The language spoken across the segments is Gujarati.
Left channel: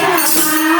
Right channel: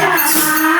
Yeah.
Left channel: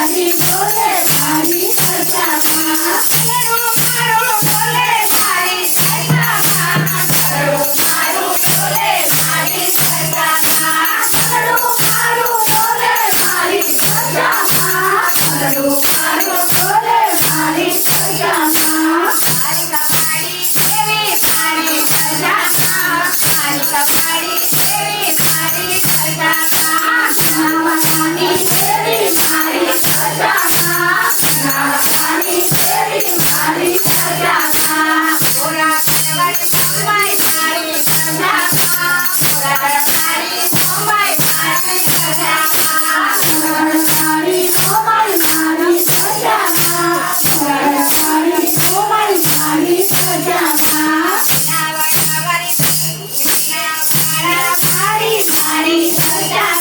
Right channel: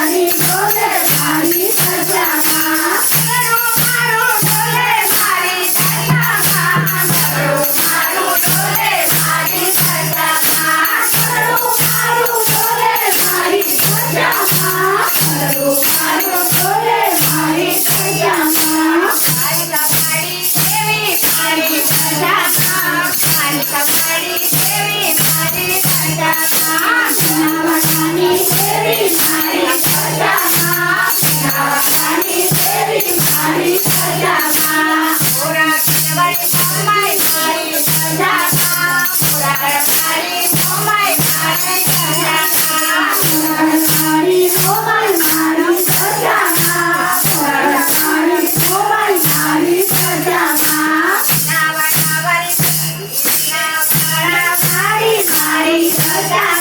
Hallelujah. Hãy subscribe